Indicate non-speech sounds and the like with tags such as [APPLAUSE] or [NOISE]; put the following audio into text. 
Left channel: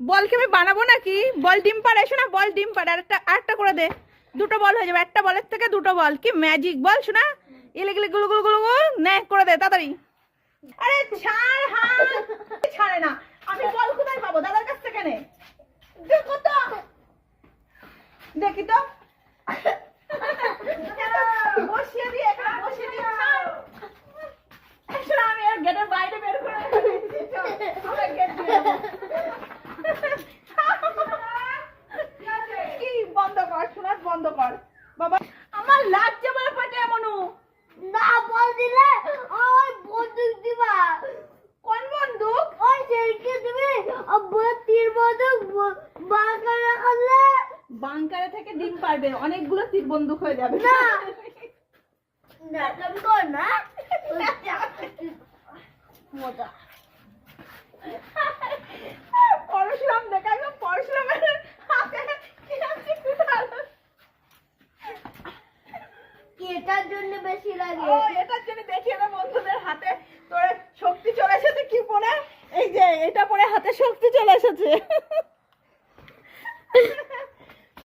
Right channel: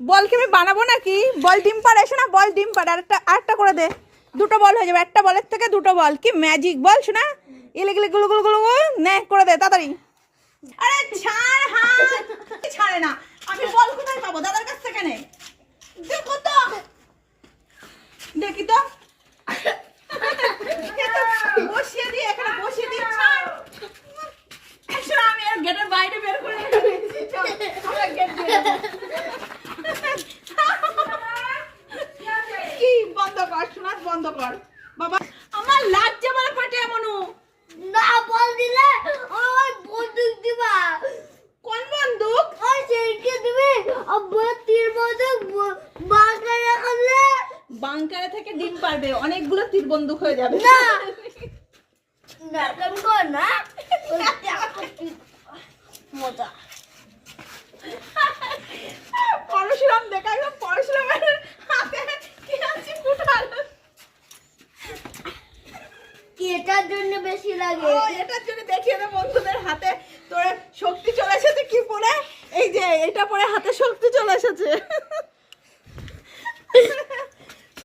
বল কি আমি বানাবো নাকি? বল ডিম পাড়ে, এসো না, বল ডিম পাড়ে, আরেকটা আরেকটা করে দে। দুটো বল হয়ে যাবে, একটা বলের থেকে দুটো বল। কি ম্যাজিক বল শোনা। গিলে গুলো গুলো গুলো গুলো, নে, করে দে, তাড়াতাড়ি। আরে ছাড় হাত। ছাড়ে না, আমি বল কোথায় পাবো? দাদার কাছ থেকে নে। দেখো তো। দেখি তো। বসিয়ে দিয়ে এখানে বসিয়ে দিয়ে ছাড়। আমি আর গেটের বাইরে বের করে দিয়েছি চল আমরা গেট দিয়ে দেবো। কি বন্ধ কর শোনাস বন্ধ কর। বাবা আমার লাগছে বলে ফাটে এমনও না বল দিলে ওই বন্দুক দিবা। কোন বন্দুক? ওই সেইকে দিবি। আব্বু তীর বন্দুক বাগানে করলে বাংকারে থেকে ডিম পারবে অনেকগুলো তীর বন্দুক হয়ে যাবে। না। [LAUGHS] না কেন কর না? মজা পরশুরাম দেখা একদম পরশুরামের হাতে কি আছে কুঠার কি এটার জন্য বেশি লাগে? এটার জন্য দেখিয়ে দে বন্ধুদের হাতে তোর শক্তি চলে এসেছে কি পরে? এই যে, এটা পরে হাতে শক্তি চলে এসেছে।